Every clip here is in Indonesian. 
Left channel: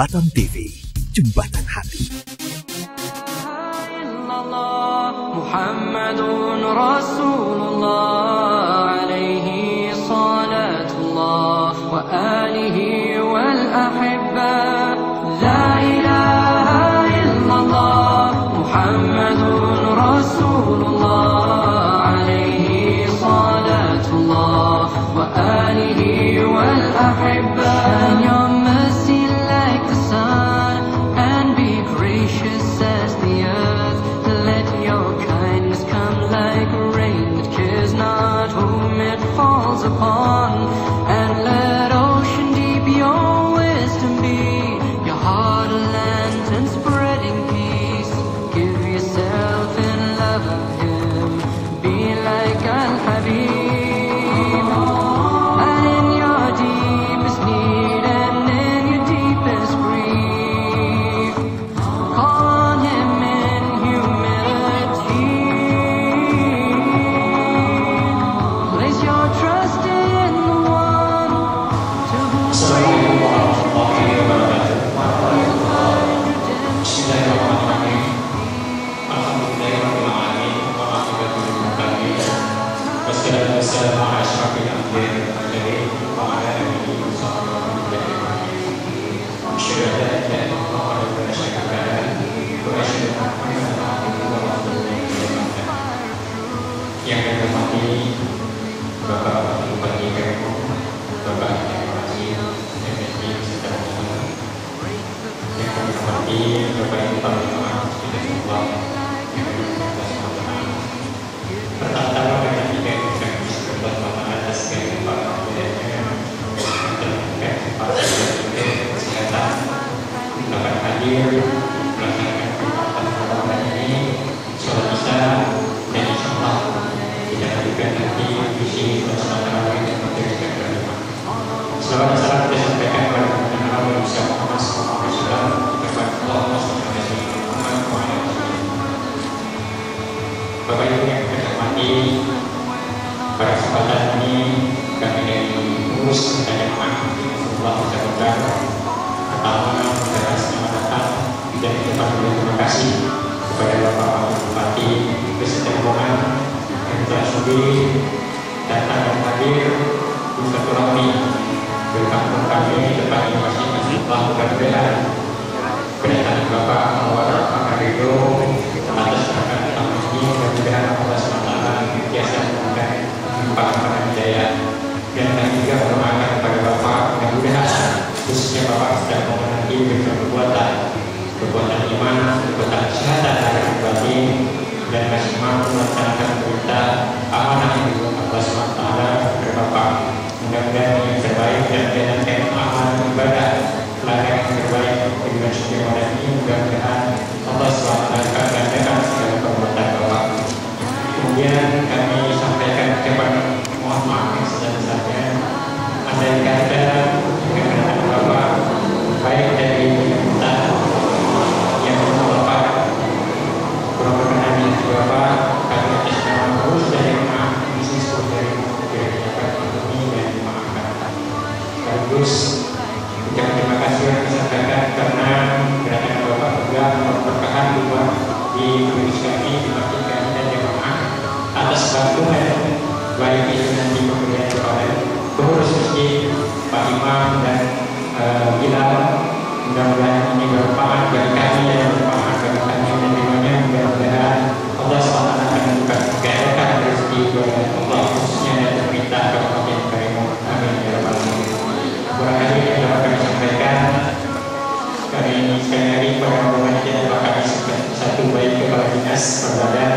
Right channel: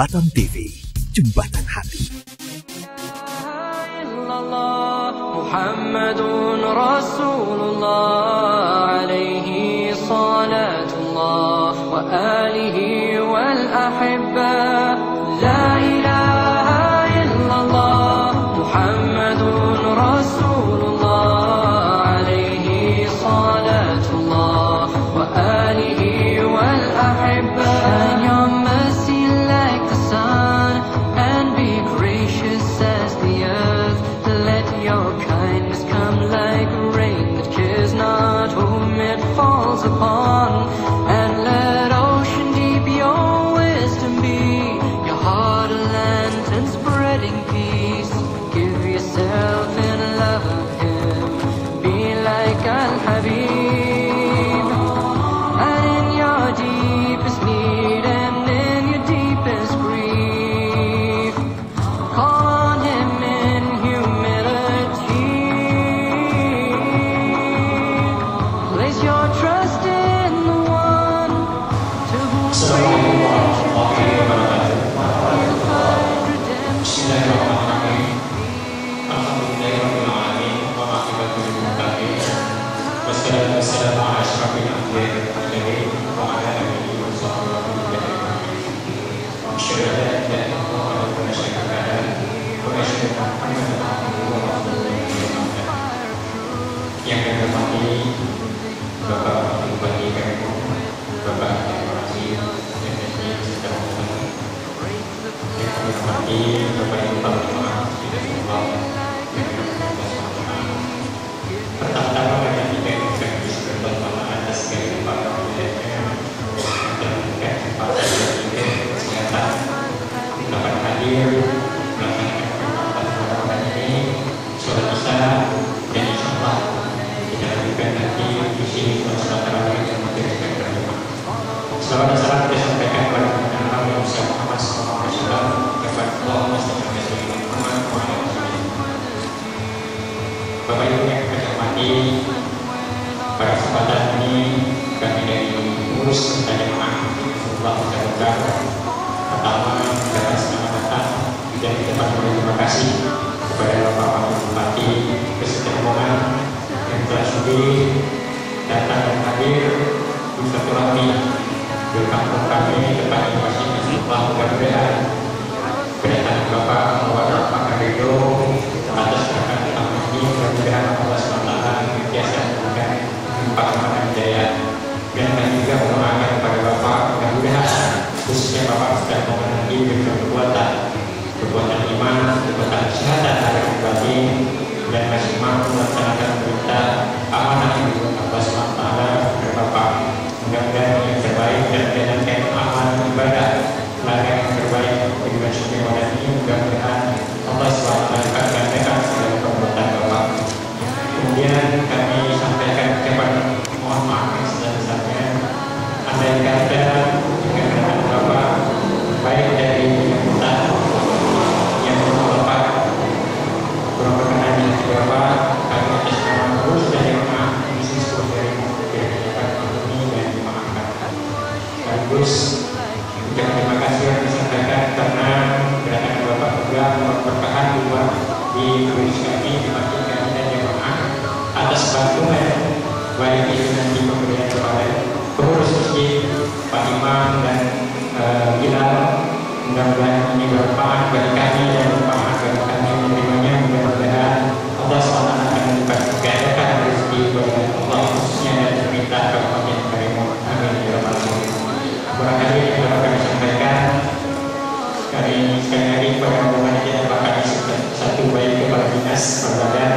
Jembatan TV, Jembatan Hati. Muhammadun Rasulullah alaihi salatullah wa alihi wal ahibba. La ilaha illallah Muhammadun Rasulullah alaihi salatullah wa alihi wal ahibba. And your mercy like the sun and be gracious as the earth. Let your kindness come like rain that cares not whom it falls upon. And let ocean deep your wisdom be, your heart a lantern spreading peace. Give yourself in love of him, be like Al-Habib. And in your deepest need and in your deepest grief, call on him in humility. Place your trust in the one to whom creation you'll find redemption and find peace. Yang kami hormati Bapak Bupati Kampung, Bapak Bupati MSI secara umum, yang kami hormati Bapak Ibu Panglima pertama-tama kami tidak bisa berbuat maaf atas kehadiran budayanya dan Pak Kesehatan dapat hadir melaksanakan kegiatan ini secara bisa dan insyaallah dilanjutkan nanti di sini bersama dengan materi yang berikut. Selamat dan salam kita sampaikan kepada Nabi Muhammad SAW kepada Allah Bapak Ibu yang kami hormati, pada kesempatan ini kami dari pengurus dan jemaah Allah mengucapkan pertama mengucapkan selamat datang dan kita terima kasih kepada Bapak Bupati beserta rombongan yang telah sudi datang dan hadir di silaturahmi di kampung kami tepatnya masing-masing melakukan kebenaran kedatangan Bapak Muhammad Pakarido atas kedatangan tamu ini. Mudah-mudahan Allah SWT biasa memberikan limpahan jaya dan kami juga mendoakan kepada Bapak mudah-mudahan khususnya Bapak sedang memenuhi perbuatan iman, perbuatan syahadat hari batin dan masih mampu melaksanakan perintah amanah yang diberikan Allah SWT kepada Bapak. Mudah-mudahan yang terbaik dan menjalankan amal ibadah ladang yang terbaik bagi manusia pada ini. Mudah-mudahan Allah SWT akan gandakan segala perbuatan Bapak. Kemudian kami sampaikan ucapan mohon maaf yang sebesar-besarnya andai kata dengan Bapak baik dari kita yang Bapak kurang berkenan dengan Bapak, kami atas nama terus dari maaf misi dari pandemi yang dimaafkan. Sekaligus ucapan terima kasih yang disampaikan karena kedatangan Bapak juga berkahan luar di Indonesia kami, di masjid kami dan jemaah atas bantuan baik itu nanti pemberian kepada pengurus masjid, Pak Imam dan Bilal. Mudah-mudahan ini bermanfaat bagi kami dan bermanfaat bagi kami dan dimana mudah-mudahan Allah SWT akan membuka gandakan rezeki bagi Allah khususnya dan perintah kabupaten Karimun. Amin ya rabbal alamin. Barangkali yang dapat kami sampaikan kami sekali lagi pada rombongan kita akan satu baik kepala dinas perbadan,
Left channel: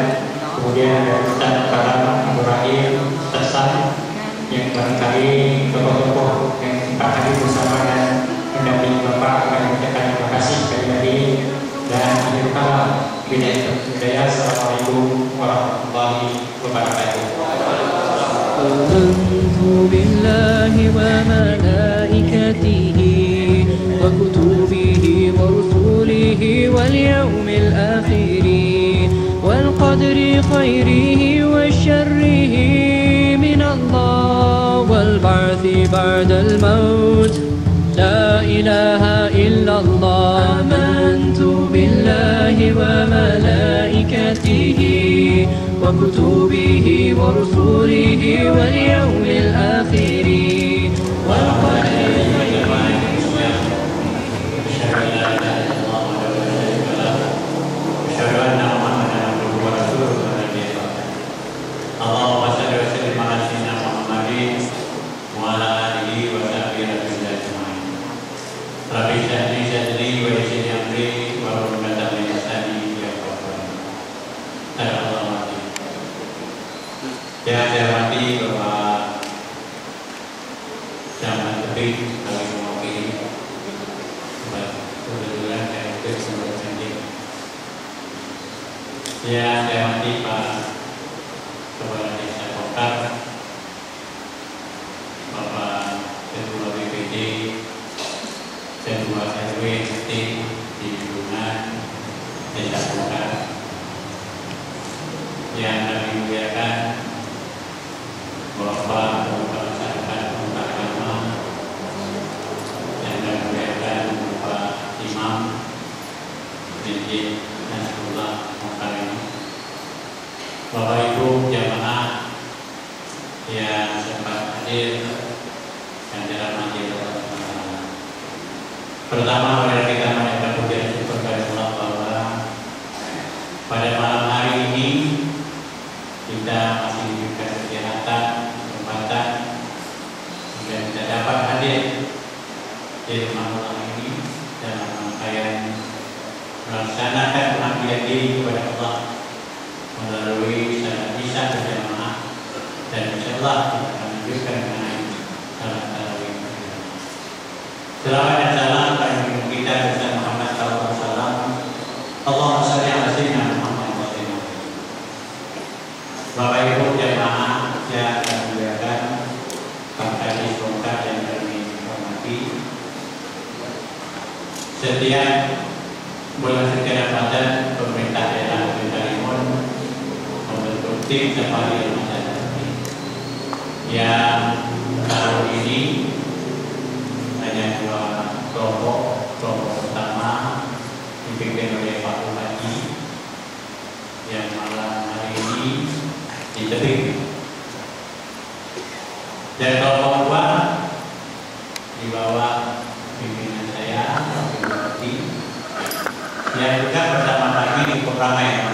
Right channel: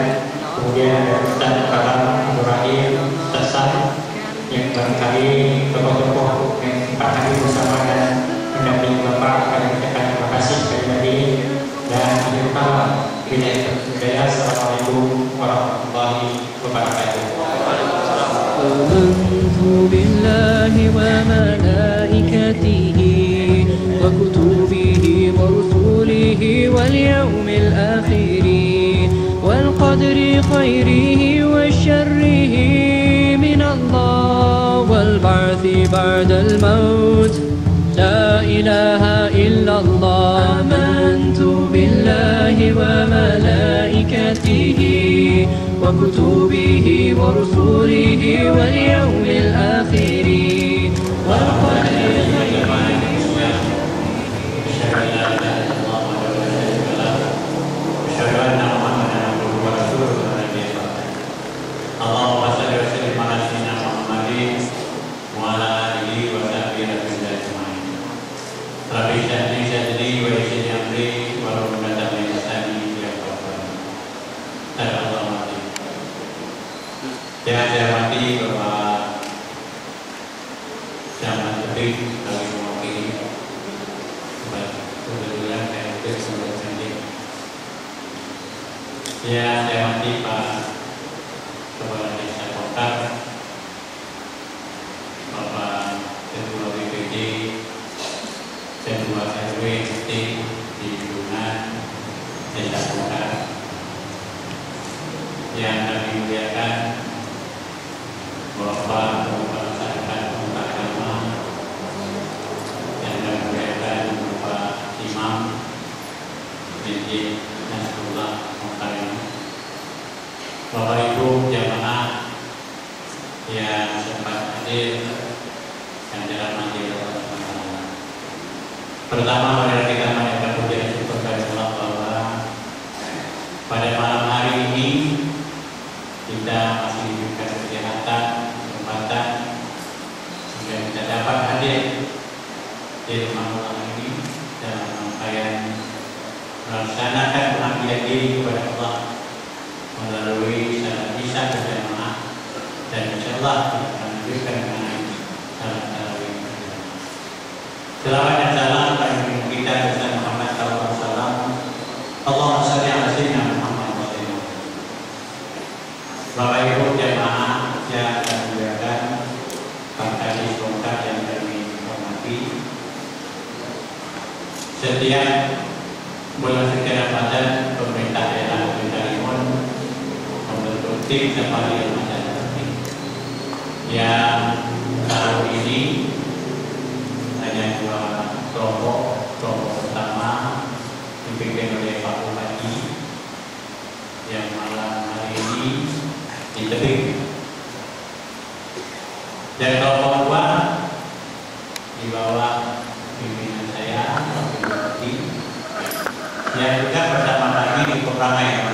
kemudian ada Ustaz Kalam Ibrahim Tasam yang barangkali tokoh-tokoh yang Pak hadir bersama dan mendampingi Bapak. Kami ucapkan terima kasih sekali lagi dan akhir kalam hidayah. Assalamualaikum warahmatullahi wabarakatuh. آمنت بالله وملائكته وكتبه ورسله واليوم الآخر والقدر خيره وشره من الله والبعث بعد الموت. لا إله إلا الله آمنت بالله وملائكته وكتبه ورسله واليوم الآخر والقدر خيره Allahumma salli wa sallim ala sayyidina Muhammadin wa ala alihi wa sahbihi ajma'in. Rabbi shrah li sadri wa yassir li amri wa hlul 'uqdatam min lisani yafqahu qawli. Assalamualaikum. Yang saya hormati Bapak Zaman Tebing kami mewakili kebetulan saya itu sebelum sendiri. Yang saya hormati Pak Kepala Desa Kokar, Bapak Ketua BPD, Ketua RW RT di lingkungan Desa Kokar, yang kami muliakan Bapak Kepala Masyarakat Pemuda Agama, yang kami muliakan Bapak Imam Masjid Nasrullah Mukarim, Bapak Ibu jamaah yang sempat hadir dan dirahmati Allah SWT. Pertama, mari kita mengucapkan puji dan syukur kepada Allah bahwa pada malam hari ini kita masih diberikan kesehatan, kesempatan sehingga kita dapat hadir di rumah Allah ini dalam rangkaian melaksanakan pengabdian diri kepada Allah melalui salat isya berjamaah, dan insyaallah kita akan lanjutkan dengan salat tarawih. Selawat dan salam bagi kita bersama Muhammad sallallahu alaihi wasallam. Allahumma shalli ala sayyidina Muhammad wa sallim. Bapak Ibu jamaah yang akan dimuliakan, Pak Kadis Kokar yang kami hormati, setiap bulan suci Ramadan pemerintah daerah Kalimun membentuk tim safari Ramadan yang tahun ini hanya dua kelompok. Kelompok pertama dipimpin oleh Pak Bupati yang malam hari ini di Tebing, dan kelompok kedua di bawah pimpinan saya Pak Bupati yang juga bersama kami di Pemramai ya,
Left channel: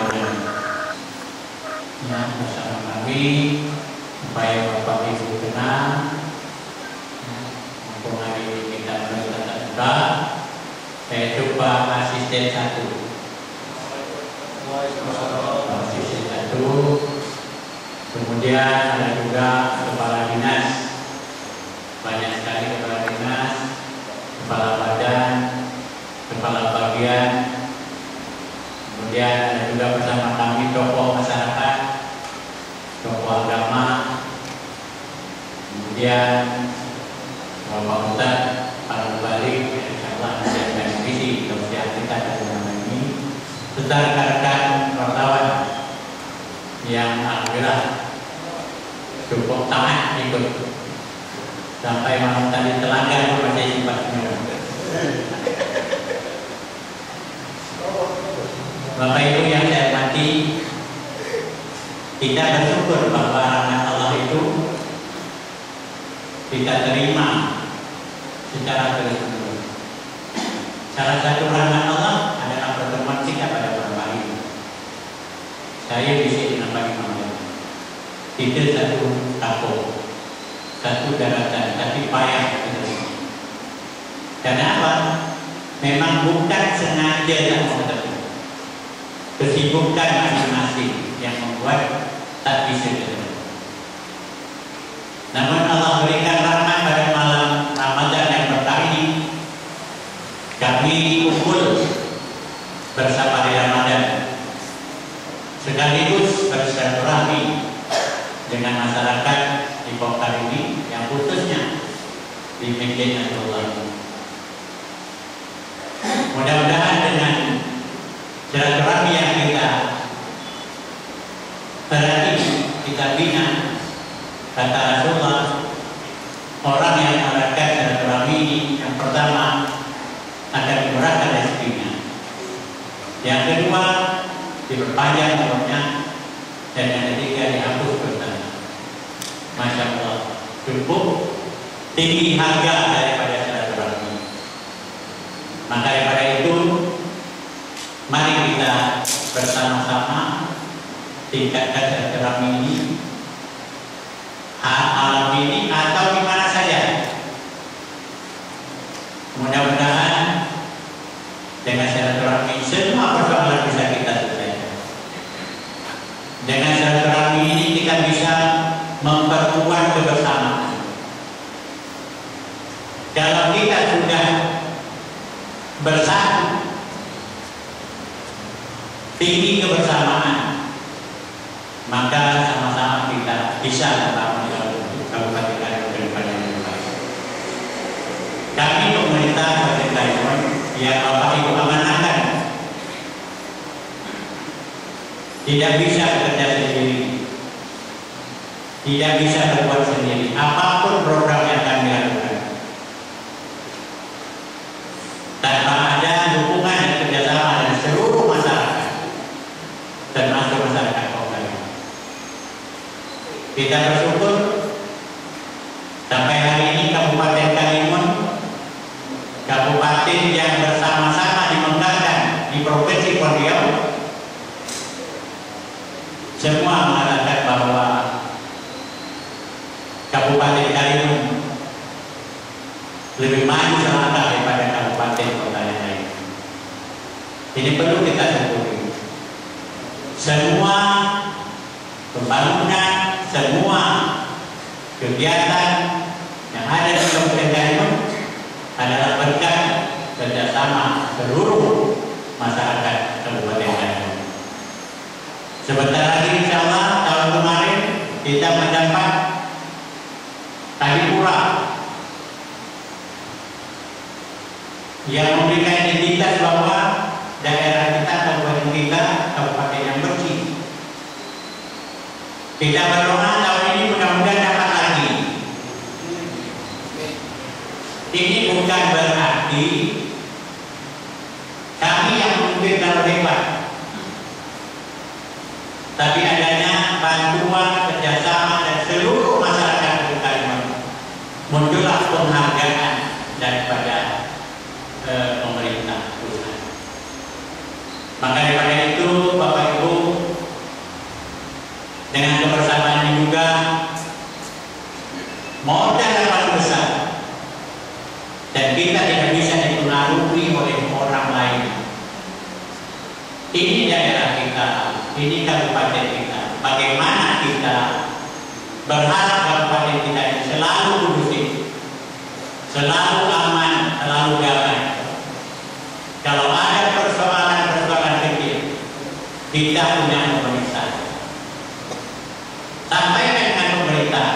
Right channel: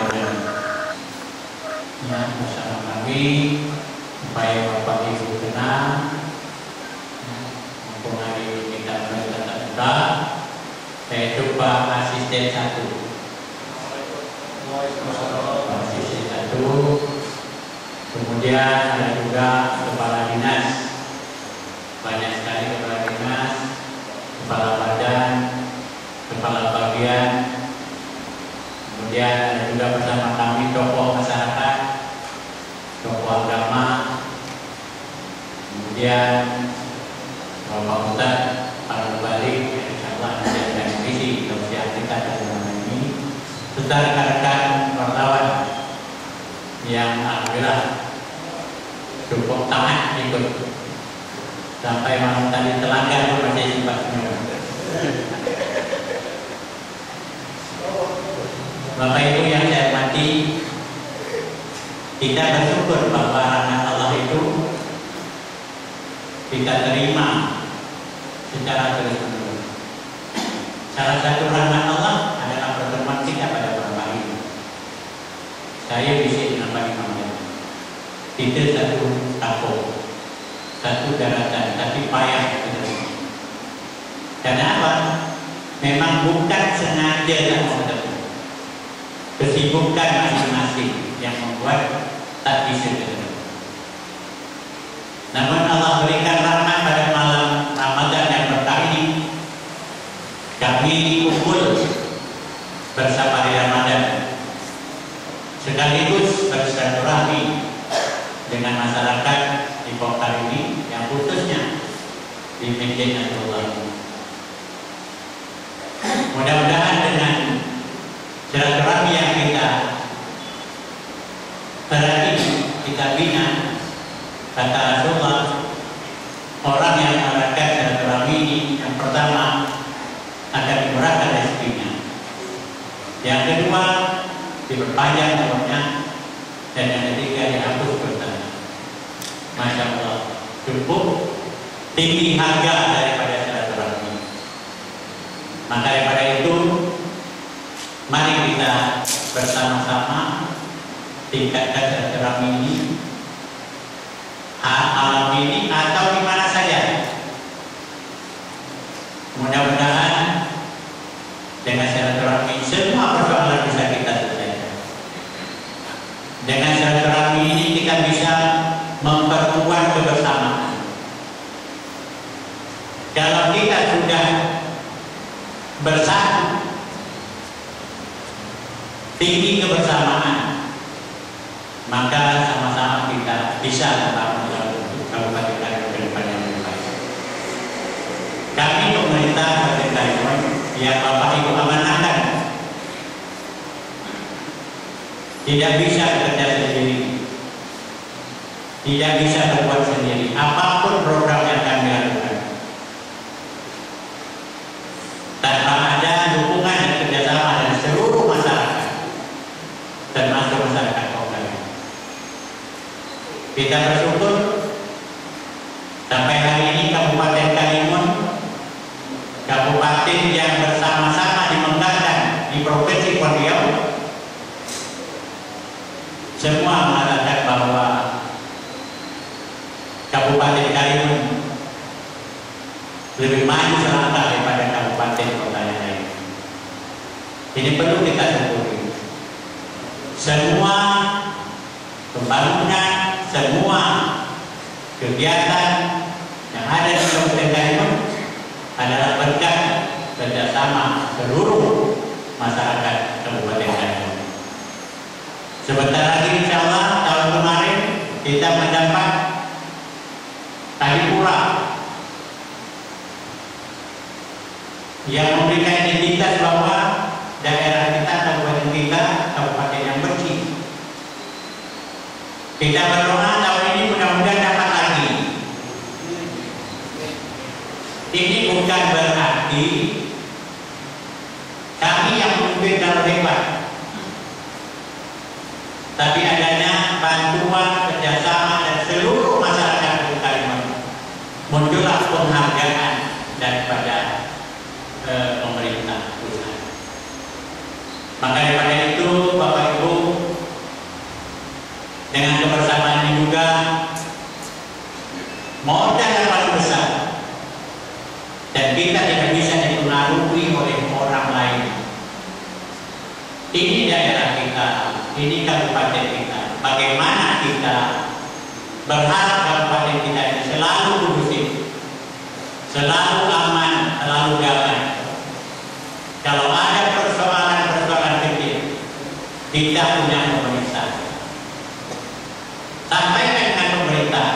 bersama kami supaya Bapak Ibu tenang mumpung hari ini kita mulai tatap muka. Saya coba asisten satu, kemudian ada juga kepala dinas, banyak sekali kepala dinas, kepala badan, kepala bagian. Kemudian ada juga bersama kami tokoh masyarakat, tokoh agama, kemudian Bapak Ustaz, Pak Balik, insyaallah menjaga visi kebersihan kita dalam ini, serta rekan-rekan wartawan yang alhamdulillah cukup taat ikut sampai malam tadi telanggar masih sifatnya. Bapak Ibu yang saya hormati, kita bersyukur bahwa rahmat Allah itu kita terima secara terus-menerus. Salah satu rahmat Allah adalah pertemuan kita pada malam hari ini. Saya bisa dengan Pak Imam, itu satu kampung, satu daratan, tapi payah itu. Karena apa? Memang bukan sengaja yang bertemu, kesibukan masing-masing yang membuat tak bisa ketemu. Namun Allah berikan rahmat pada malam Ramadan yang berkah ini, kami kumpul bersama di Ramadan, sekaligus bersilaturahmi dengan masyarakat di Kokar ini, yang khususnya di Masjid Nasrullah. Mudah-mudahan dengan silaturahmi yang kita berarti kita bina, kata Rasulullah, orang yang mengadakan silaturahmi ini yang pertama diperpanjang umurnya, dan yang ketiga dihapus bertanya. Masya Allah, cukup tinggi harga daripada silaturahmi. Maka daripada itu, mari kita bersama-sama tingkatkan silaturahmi ini, alam ini atau di mana saja. Mudah-mudahan dengan silaturahmi semua persoalan bisa kita selesaikan. Dengan silaturahmi ini kita bisa memperkuat kebersamaan. Kalau kita sudah bersatu, tinggi kebersamaan, maka sama-sama kita bisa membangun Kabupaten Karimun ke depan yang lebih baik. Kami pemerintah Kabupaten Karimun yang Bapak Ibu amanahkan tidak bisa bekerja sendiri, tidak bisa berbuat sendiri. Apapun program yang kami lakukan, tanpa ada dukungan dan kerjasama dari seluruh masyarakat, termasuk masyarakat lokal. Kita bersyukur sampai hari ini Kabupaten Karimun, kabupaten yang bersama-sama dimegahkan di Provinsi Riau, semua mengatakan bahwa Kabupaten Karimun lebih maju selangkah daripada kabupaten kota yang lain. Ini perlu kita syukuri. Semua pembangunan, semua kegiatan yang ada di Kabupaten Karimun adalah berkat kerjasama seluruh masyarakat Kabupaten Karimun. Sebentar lagi insya Allah tahun kemarin kita mendapat Adipura yang memberikan identitas bahwa daerah kita, kabupaten kita, kabupaten yang bersih. Kita berdoa tahun ini mudah-mudahan dapat lagi. Ini bukan berarti kami yang memimpin terlalu hebat, tapi adanya bantuan kerjasama dan seluruh masyarakat Karimun, muncullah penghargaan daripada pemerintah pusat. Maka daripada itu Bapak Ibu, dengan kebersamaan ini juga modal yang paling besar, dan kita tidak bisa dipengaruhi oleh orang lain. Ini daerah kita, ini kabupaten kita. Bagaimana kita berharap kabupaten kita ini selalu kondusif, selalu aman, selalu damai. Kalau ada persoalan-persoalan kecil, kita punya pemerintah. Sampaikan dengan pemerintah,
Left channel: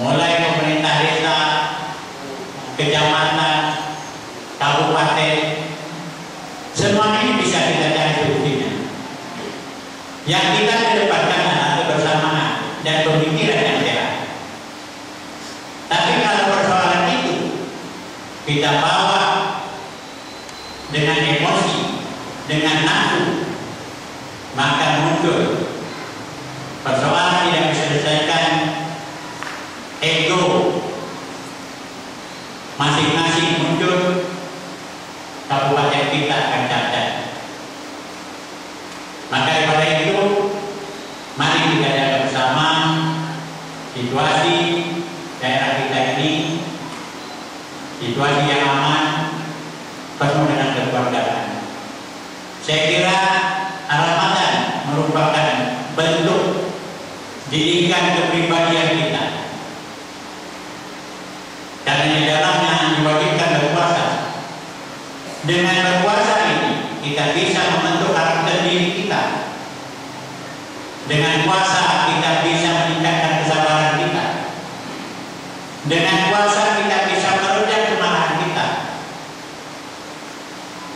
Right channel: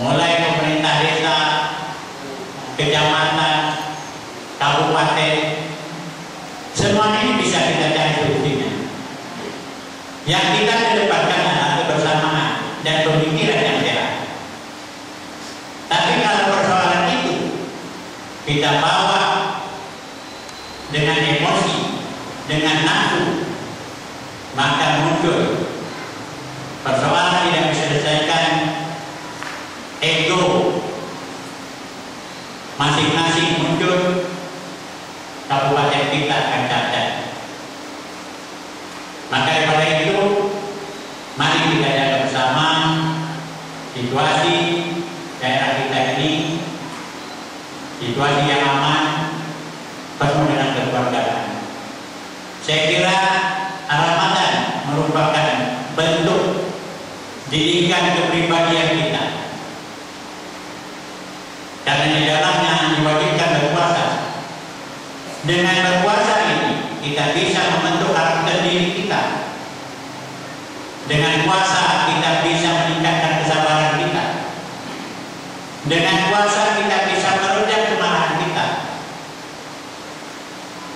mulai pemerintah desa, kecamatan, kabupaten, semua ini bisa kita cari solusinya. Yang kita kedepankan adalah kebersamaan dan pemikiran yang sehat. Tapi kalau persoalan itu kita bawa dengan emosi, dengan nafsu, maka muncul persoalan tidak bisa diselesaikan, ego masing-masing muncul, kabupaten kita akan cacat. Maka daripada itu, mari kita jaga bersama situasi daerah kita ini, situasi yang aman, penuh dengan kekeluargaan. Saya kira Ramadan merupakan bentuk didikan kepribadian kita, karena di dalamnya diwajibkan berpuasa. Dengan berpuasa ini kita bisa membentuk karakter diri kita. Dengan puasa kita bisa meningkatkan kesabaran kita. Dengan puasa kita bisa meredam kemarahan kita.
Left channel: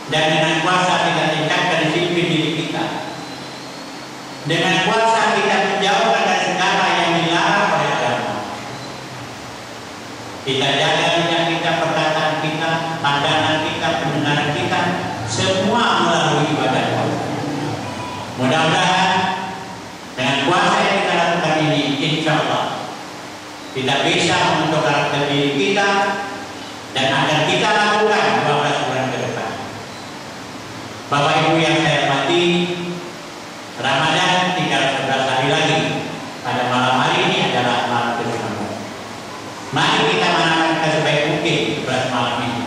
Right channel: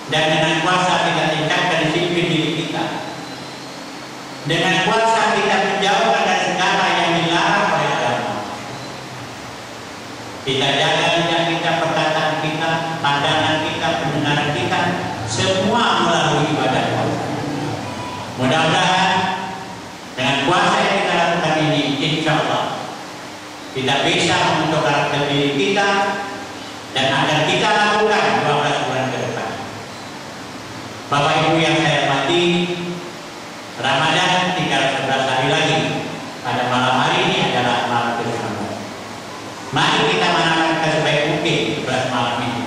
Dan dengan puasa kita tingkatkan disiplin diri kita. Dengan puasa kita menjauhkan dari segala yang dilarang oleh agama. Kita jaga lidah kita, perkataan kita, pandangan kita, pendengaran kita, semua melalui ibadah puasa. Mudah-mudahan dengan puasa yang kita lakukan ini, insya Allah kita bisa membentuk karakter diri kita dan akan kita lakukan 12 bulan ke depan. Bapak Ibu yang saya hormati, Ramadan tinggal 11 hari lagi. Pada malam hari ini adalah malam ke-19. Mari kita manakan sebaik mungkin 11 malam ini.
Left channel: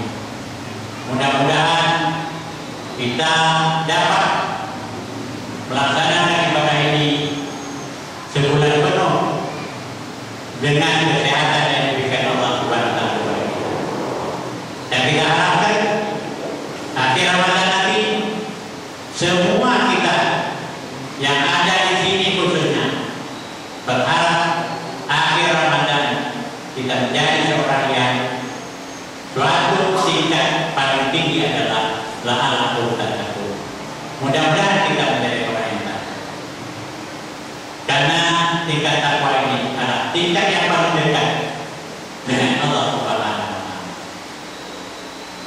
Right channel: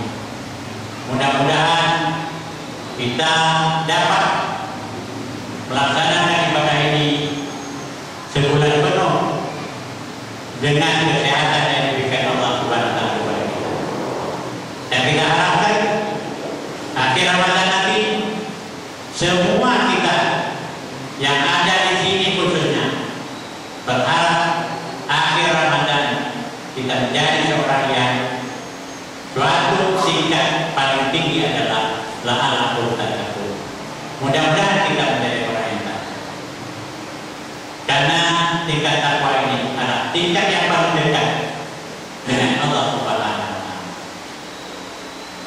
Mudah-mudahan kita dapat melaksanakan ibadah ini sebulan penuh dengan kesehatan yang diberikan Allah Subhanahu wa taala kepada kita. Dan kita harapkan akhir Ramadan nanti semua kita yang ada di sini khususnya berharap akhir Ramadan kita menjadi seorang yang suatu tingkat paling tinggi adalah la'alatul tattaqun. Mudah-mudahan kita menjadi orang yang takwa. Karena tingkat takwa ini adalah tingkat yang paling dekat dengan Allah Subhanahu wa taala.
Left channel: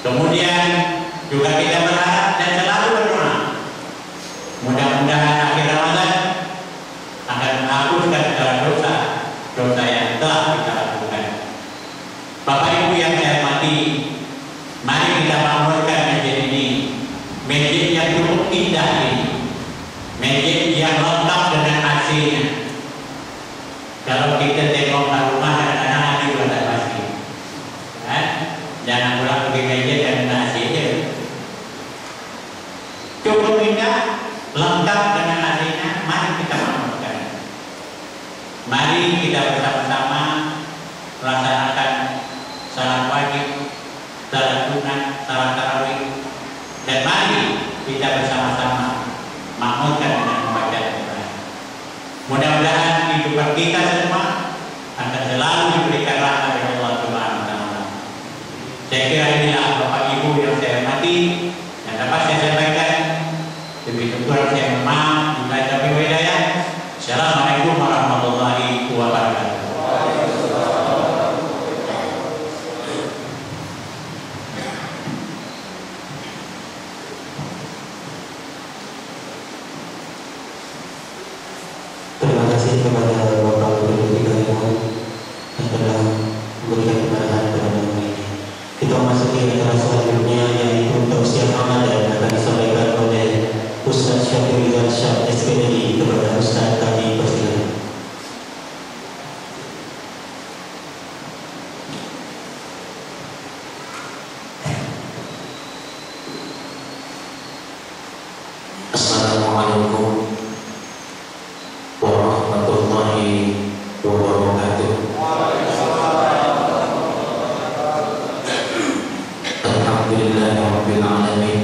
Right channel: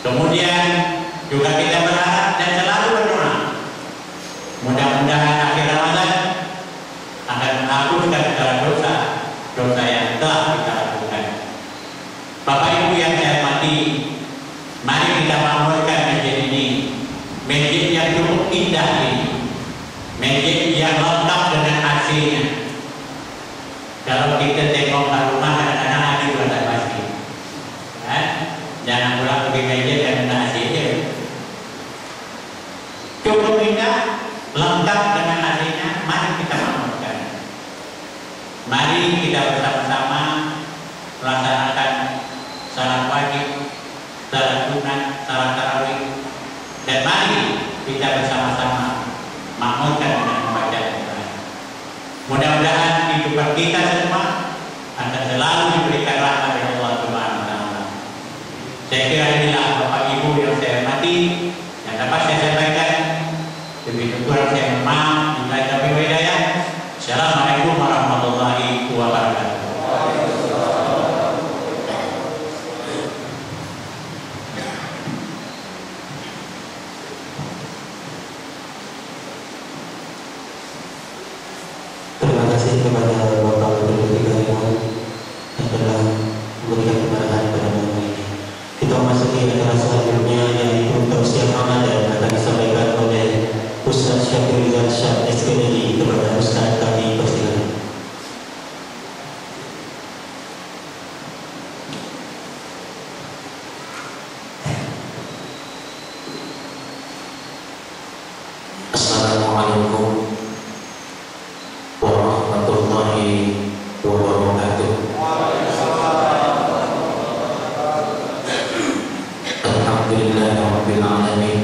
Kemudian juga kita berharap dan selalu berdoa, mudah-mudahan akhir Ramadan akan menghapuskan segala dosa yang telah kita lakukan. Bapak Ibu yang saya hormati, mari kita bangunkan masjid ini, masjid yang cukup indah ini, masjid yang lengkap dengan AC-nya. Kalau kita tengok rumah kadang-kadang ada juga tak pasti. Jangan pulang pergi masjid dan ada AC aja. Cukup indah, lengkap dengan AC-nya. Mari kita bangunkan. Mari kita bersama-sama melaksanakan salat wajib, salat sunat, salat tarawih, dan mari kita bersama-sama makmurkan dengan membaca Al-Quran. Mudah-mudahan kehidupan kita semua akan selalu diberikan rahmat dari Allah Subhanahu wa taala. Saya kira inilah Bapak Ibu yang saya hormati yang dapat saya sampaikan. Lebih kurang saya mohon maaf. Bila taufiq wal hidayah. Assalamualaikum warahmatullahi wabarakatuh. Terima kasih kepada Bapak Gubernur DKI yang telah memberikan pencerahan pada malam ini. Kita memasuki acara selanjutnya yaitu tausiah Ramadan akan disampaikan oleh Ustaz Syafir Syah SPDI kepada Ustaz kami persilakan. Assalamualaikum warahmatullahi wabarakatuh. Alhamdulillahirabbil alamin.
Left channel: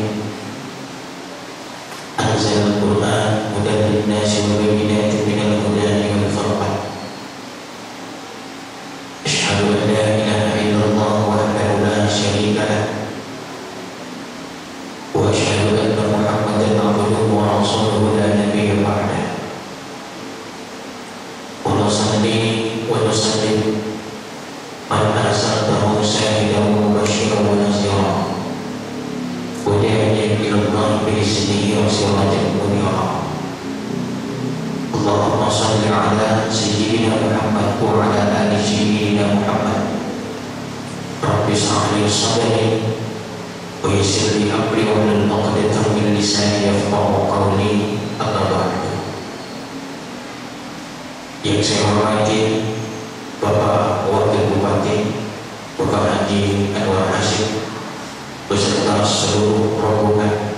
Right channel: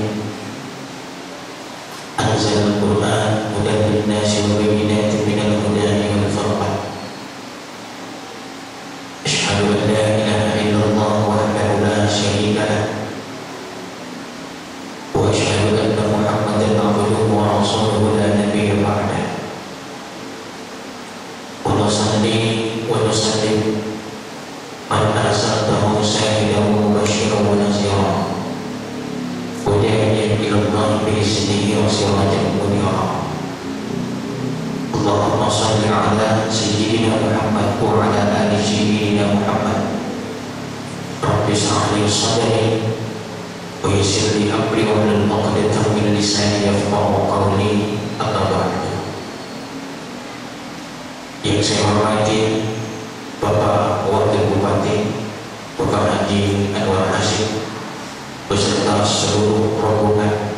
Anzalal Qur'an hudan lin-nasi wa bayyinatin minal huda wal furqan. Asyhadu an la ilaha illallah wahdahu la syarika lah. Wa asyhadu anna Muhammadan abduhu wa rasuluhu la nabiyya ba'dah. Wa nusalli wa nusallim man arsaltahu syahidan wa mubasysyiran wa nadhira wa da'iyan ila Allah bi'iznihi wa sirajan munira. Allahumma shalli ala sayyidina Muhammad wa ala ali sayyidina Muhammad. Rabbi shrah li sadri wa yassir li amri wa hlul 'uqdatam min lisani yafqahu qawli. Amma ba'du. Yang saya hormati Bapak Wakil Bupati Bapak Haji Anwar Hasyim beserta seluruh rombongan,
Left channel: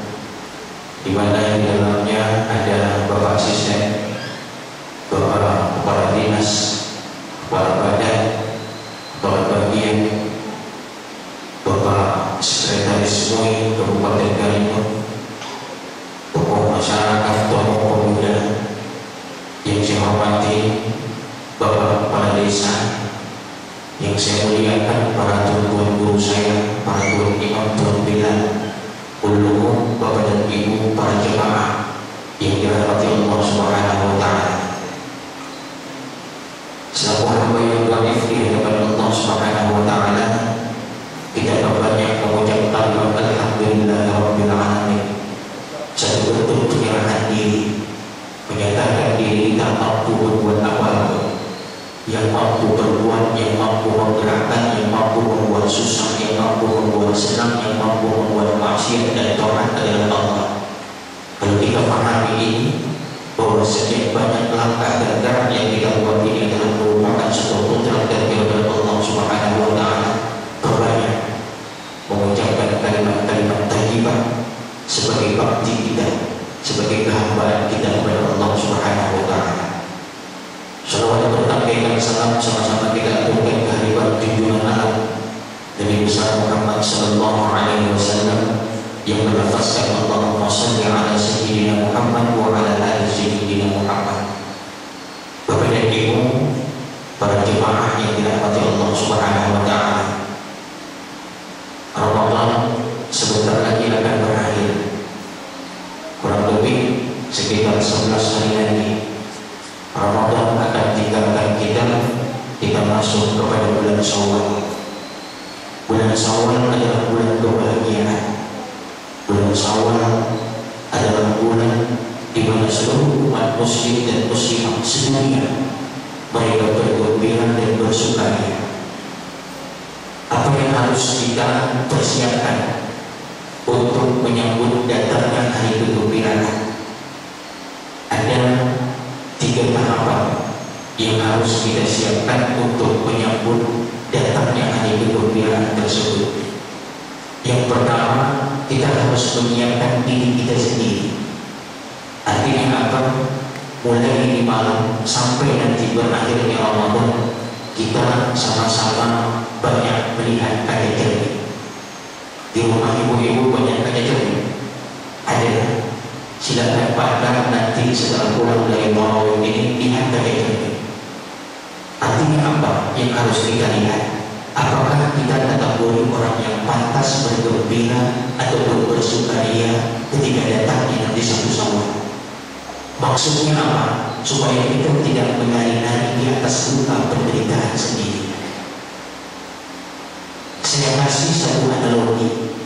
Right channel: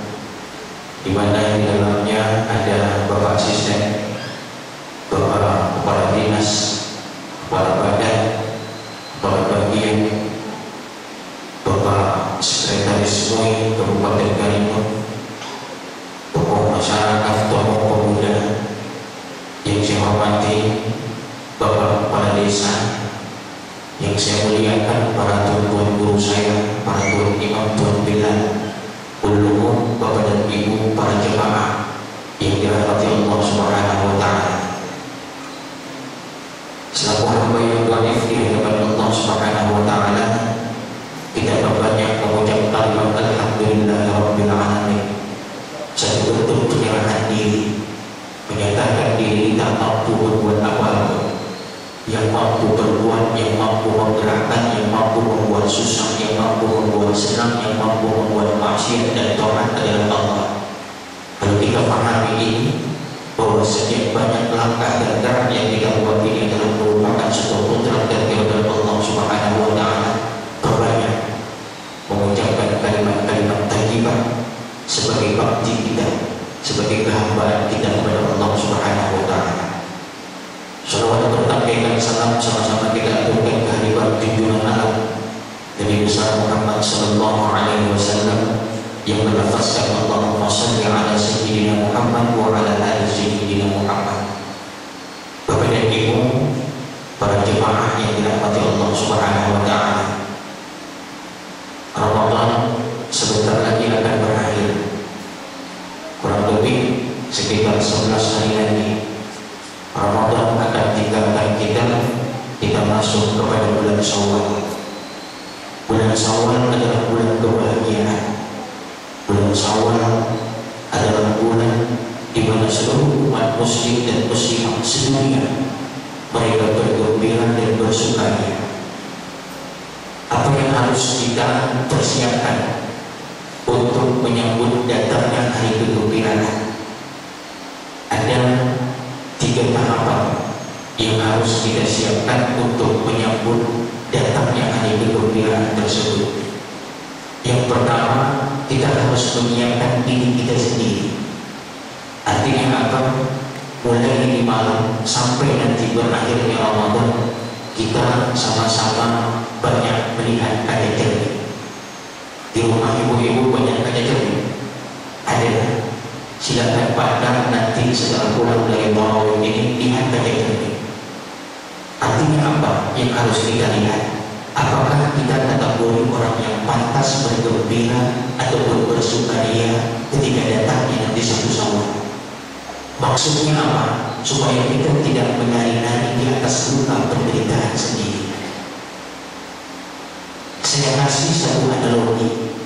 di mana di dalamnya ada Bapak Asisten, Bapak Kepala Dinas, Kepala Badan, Kepala Bagian, Bapak Sekretaris MUI Kabupaten Karimun, tokoh masyarakat, tokoh pemuda yang saya hormati, Bapak Kepala Desa yang saya muliakan, para tuan-tuan guru saya, para tuan imam, tuan bilal, ulumum, Bapak dan Ibu, para jemaah yang dirahmati Allah Subhanahu wa taala. Selaku hamba yang dhaif di hadapan Allah Subhanahu wa taala, kita banyak mengucapkan alhamdulillahirabbil alamin. Satu bentuk penyerahan diri tidak mampu berbuat apa-apa, yang mampu berbuat, yang mampu menggerakkan, yang mampu membuat susah, yang mampu membuat senang, yang mampu membuat maksiat dan taat adalah Allah. Kalau kita pahami ini, bahwa sekian banyak langkah dan gerak yang kita buat ini adalah merupakan satu putra dari Allah Subhanahu wa Ta'ala, perbanyak mengucapkan kalimat-kalimat thayyibah sebagai bakti kita, sebagai kehambaan kita kepada Allah Subhanahu wa Ta'ala. Salawat bertambahkan salam sama-sama kita aturkan kehadiran junjungan alam Nabi besar Muhammad sallallahu alaihi wasallam yang melafazkan Allahumma shalli ala sayyidina Muhammad wa ala ali sayyidina Muhammad. Bapak dan Ibu, para jemaah yang dirahmati Allah Subhanahu wa Ta'ala, Ramadan sebentar lagi akan berakhir. Kurang lebih sekitar 11 hari lagi Ramadan akan tinggalkan kita masuk kepada bulan Syawal. Bulan Syawal adalah bulan kebahagiaan. Bulan Syawal adalah bulan di mana seluruh umat muslim dan muslimah sedunia mereka bergembira dan bersukaria. Apa yang harus kita persiapkan untuk menyambut datangnya hari kegembiraan? Ada 3 tahapan yang harus kita siapkan untuk menyambut datangnya hari kegembiraan tersebut. Yang pertama, kita harus menyiapkan diri kita sendiri. Artinya apa? Mulai ini malam sampai nanti berakhirnya Ramadan, kita sama-sama banyak melihat kaca cermin. Di rumah ibu-ibu banyak kaca cermin. Ada. Silakan pandang nanti setelah pulang dari tarawih ini, lihat kaca cermin. Artinya apa yang harus kita lihat? Apakah kita kategori orang yang pantas bergembira ataupun bersukaria ketika datangnya nanti satu Syawal? Maksudnya apa? Supaya kita tidak menari-nari di atas luka penderitaan sendiri. Saya kasih satu analogi,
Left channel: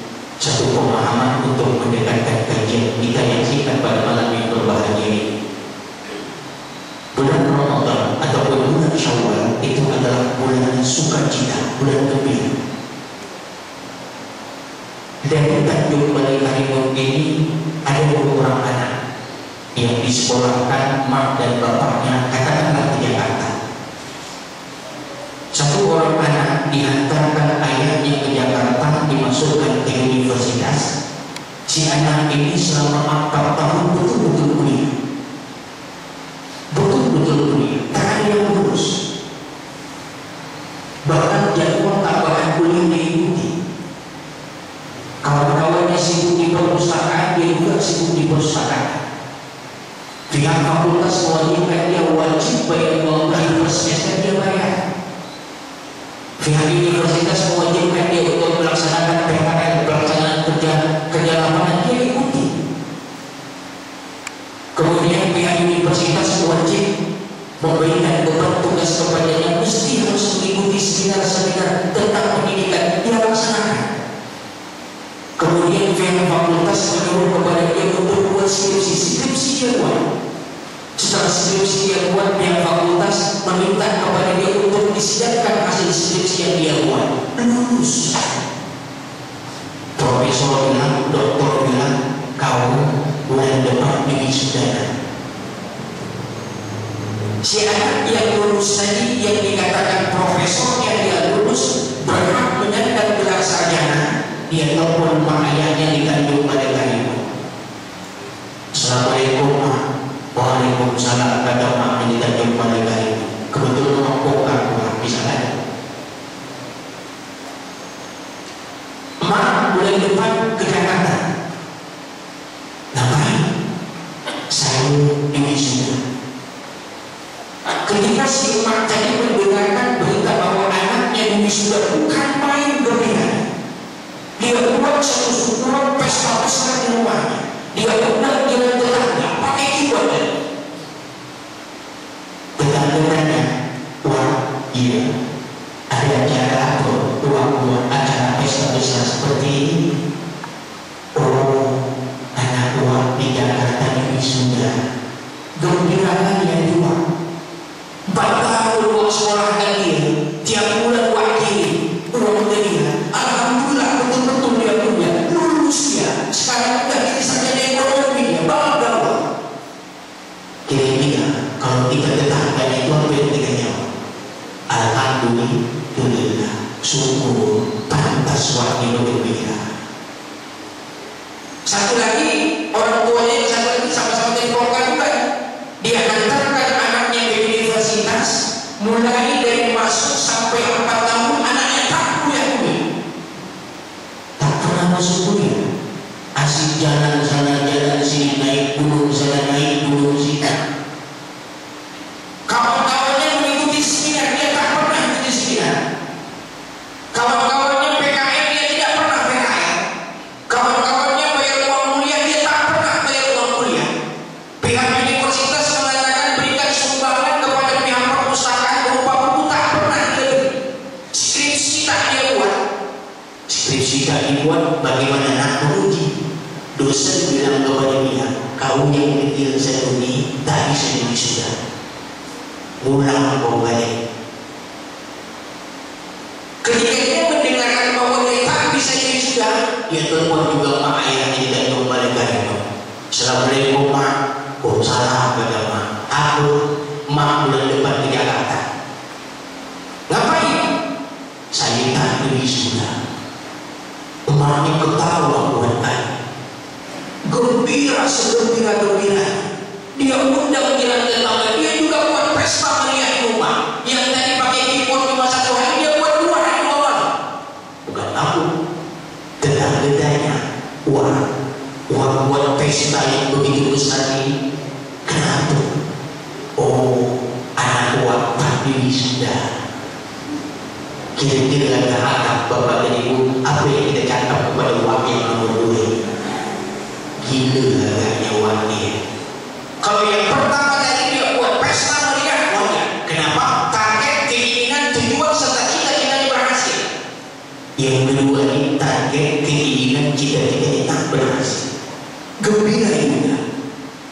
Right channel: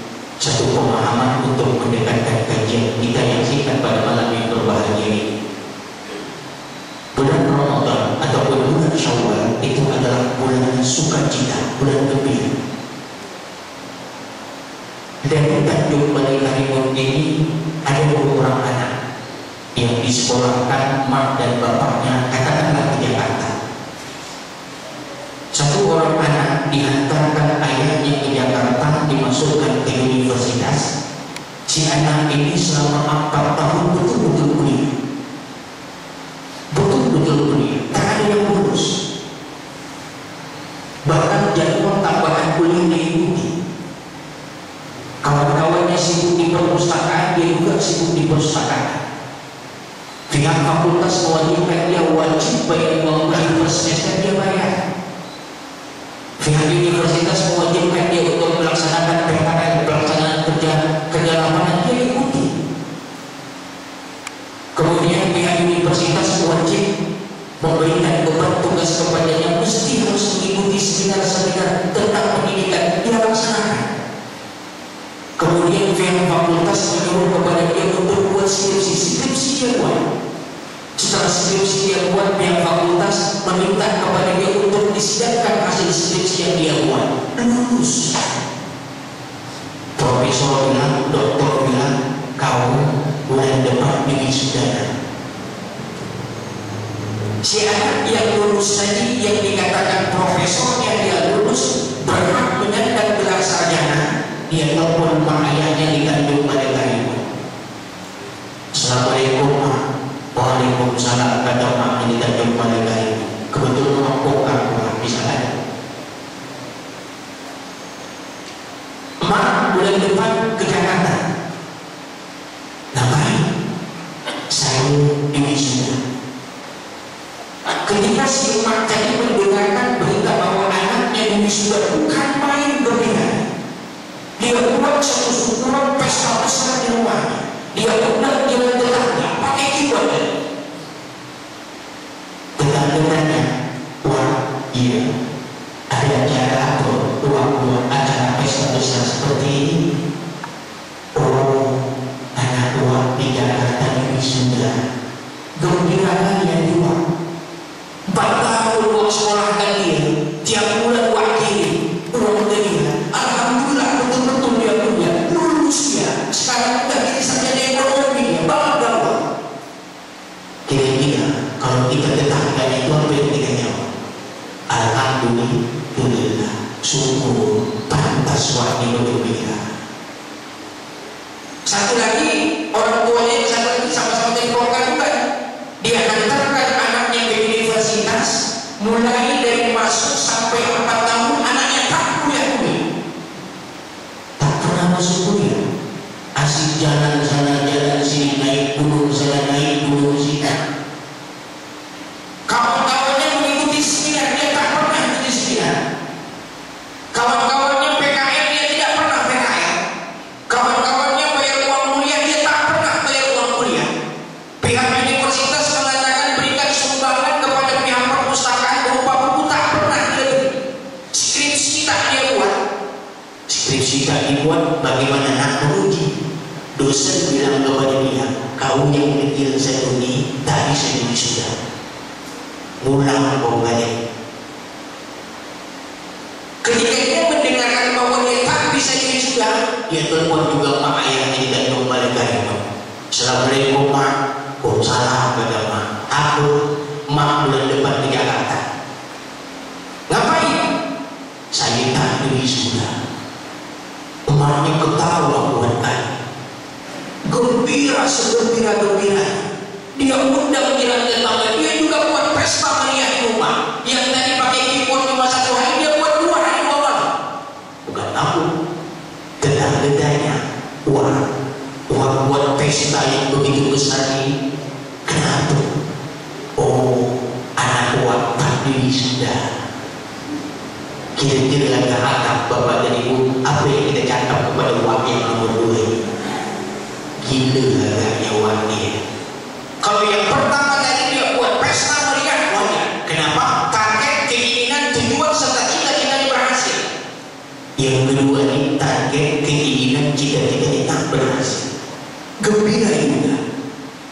satu pemahaman untuk mendekatkan kajian kita yang singkat pada malam yang berbahagia ini. Bulan Ramadan ataupun bulan Syawal itu adalah bulan sukacita, bulan gembira. Dan Tanjung Balai Karimun ini ada 2 orang anak yang disekolahkan mak dan bapaknya katakanlah ke Jakarta. Satu orang anak dihantarkan ayahnya ke Jakarta, dimasukkan ke universitas. Si anak ini selama 4 tahun betul-betul kuliah. Betul-betul kuliah, tak ada yang lulus. Bahkan jadwal tambahan kuliah diikuti. Kawan-kawannya sibuk di perpustakaan, dia juga sibuk di perpustakaan. Pihak fakultas mewajibkan dia wajib bayar uang kuliah per semester, dia bayar. Pihak universitas mewajibkan dia untuk melaksanakan PKL, pelaksanaan kerja lapangan, dia ikuti. Kemudian pihak universitas wajib memberikan beban tugas kepadanya, mesti harus mengikuti seminar-seminar tentang pendidikan, dia laksanakan. Kemudian pihak fakultas menyuruh kepada dia untuk buat skripsi dia buat. Setelah skripsi dia buat, pihak fakultas meminta kepada dia untuk disidangkan hasil skripsi yang dia buat. Lulus. Profesor bilang, doktor bilang, kau bulan depan wisuda. Si anak yang lulus tadi, yang dikatakan profesornya dia lulus, berhak menyandang gelar sarjana. Dia telepon mak ayahnya di Tanjung Balai Karimun. Assalamualaikum mak. Waalaikumsalam, kata mak di Tanjung Balai Karimun. Kebetulan aku misalnya. Mak bulan depan ke Jakarta. Ngapain? Saya wisuda. Ketika si mak tadi mendengarkan berita bahwa anaknya wisuda, bukan main gembira. Dia buat satu syukuran pesta besar di rumahnya. Dia undang jalan tetangga pakai keyboard. Tetangga-tetangga, wah iya, ada acara apa? Buat acara pesta besar seperti ini. Oh, anak tua di Jakarta wisuda. Gembira ya. yang jual. 4 tahun uang sekolah kan dia, tiap bulan uang kirim, uang dia. Alhamdulillah betul-betul dia punya, lulus dia. Sekarang udah jadi sarjana ekonomi, bangga. Kira-kira kalau kita tetangga itu apa yang kita jawab? Alhamdulillah, syukur, pantas wangi bergembira. Satu lagi, orang tuanya yang satu lagi sama-sama menyekolahkan juga. Dia hantarkan anaknya ke universitas, mulai dari masuk sampai 4 tahun anaknya tak kuliah dulu. Tak pernah masuk kuliah. Asik jalan sana jalan sini, naik gunung sana naik gunung sini. Kawan-kawannya mengikuti seminar, dia tak pernah ikuti seminar. Kawan-kawannya PKM, dia tidak pernah PKM. Kawan-kawannya bayar uang kuliah, dia tak pernah bayar uang kuliah. Pihak universitas mengatakan berikan sumbangan kepada pihak perpustakaan berupa buku, tak pernah dia beri. Skripsi tak dia buat. Skripsi tak dibuat, bagaimana nak merugi? Dosen bilang kepada dia, kau yang kecil saya ini tak bisa jadi sudah. Pulang kau balik. Ketika dia mendengarkan bahwa dia tak bisa jadi sudah, dia telepon juga mak ayahnya tidak kembali lagi. Assalamualaikum mak, salam kata mak. Aku mak bulan depan ke Jakarta. Ngapain? Saya tak jadi sudah. Emaknya ketawa buat kali. Gembira segembira-gembira. Dia undang jiran tetangga, dia juga buat pesta meriah di rumah. Yang tadi pakai keyboard cuma 1 hari, dia buat 2 hari 2 malam. Bukan aku, tetangga-tetangganya. Wah, buat pesta yang begitu besar ini. Kenapa? Oh, anak buat tapi sudah. Kira-kira harap bapak dan ibu, apa yang kita cakap kepada uang yang nomor 2? Gila agaknya uang dia. Kalau yang pertama tadi dia buat pesta meriah, wajar. Kenapa? Target, keinginan, tujuan serta cita-cita berhasil. Yang kedua ini target, keinginan, cita-cita tak berhasil. Gembira juga.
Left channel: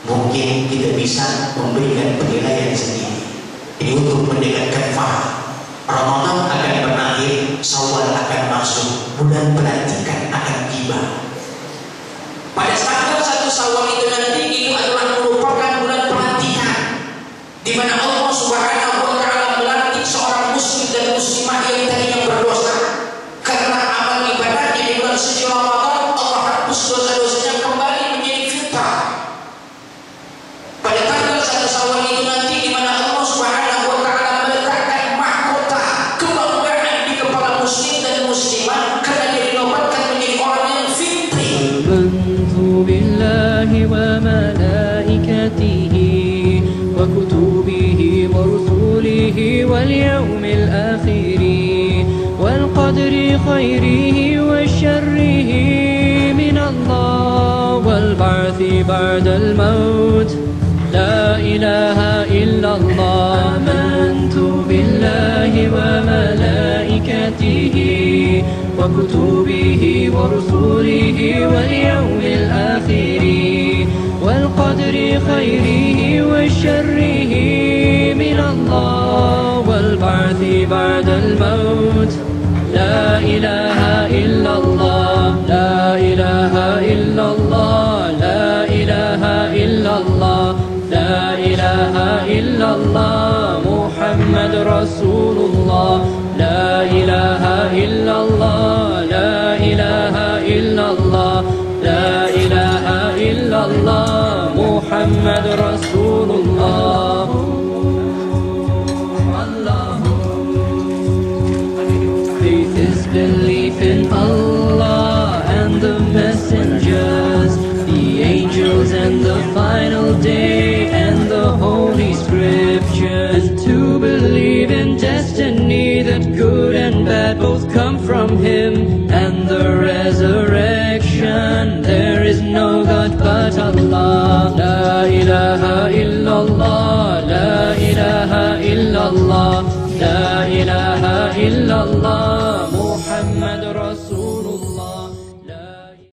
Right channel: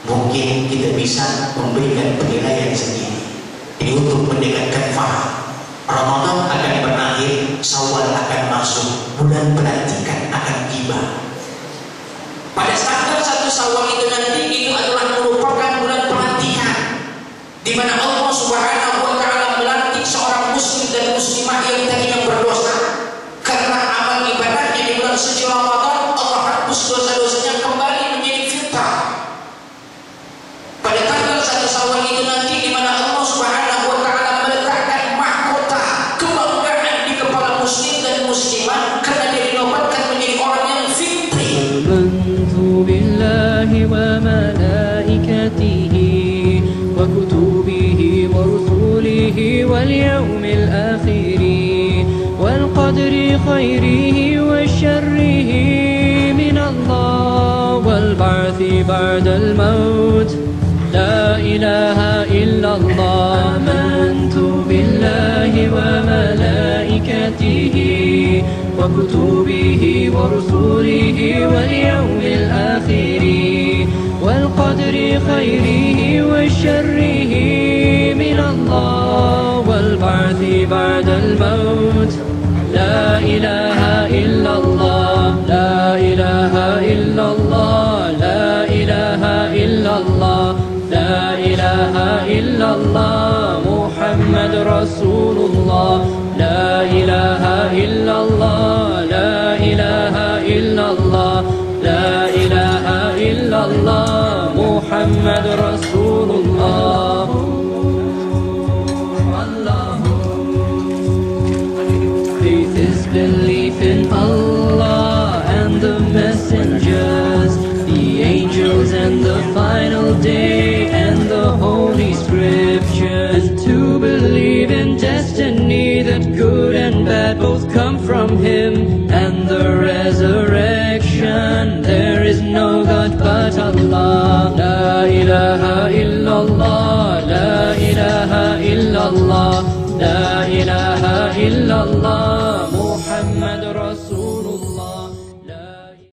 Mungkin kita bisa memberikan penilaian sendiri. Ini untuk mendekatkan faham. Ramadan akan berakhir, Syawal akan masuk, bulan pelantikan akan tiba. Pada tanggal 1 Syawal itu nanti itu adalah merupakan bulan pelantikan, di mana Allah Subhanahu wa Ta'ala melantik seorang muslim dan muslimah yang tadinya berdosa karena amal ibadahnya di bulan suci Ramadan. Allah hapus dosa-dosanya kembali menjadi fitrah. Pada tanggal 1 Syawal itu nanti di mana Allah Subhanahu wa Ta'ala meletakkan mahkota kebanggaan di kepala muslim dan muslimah karena dia dinobatkan menjadi orang yang fitri. بالله وملائكته وكتبه ورسله واليوم الآخر والقدر خيره وشره من الله والبعث بعد الموت لا إله إلا الله آمنت بالله وملائكته وكتبه ورسله واليوم الآخر والقدر خيره وشره من الله والبعث بعد الموت لا إله إلا الله لا إله إلا الله لا إله إلا الله لا إله إلا الله محمد رسول الله لا إله إلا الله لا إله إلا الله لا إله إلا الله محمد رسول الله. Faith is belief in Allah and the messengers, the angels and the final day and the holy scriptures, to believe in destiny that good and bad both come from Him, and the resurrection. There is no God but Allah. La ilaha illallah, la ilaha illallah, la ilaha illallah, Muhammad Rasul.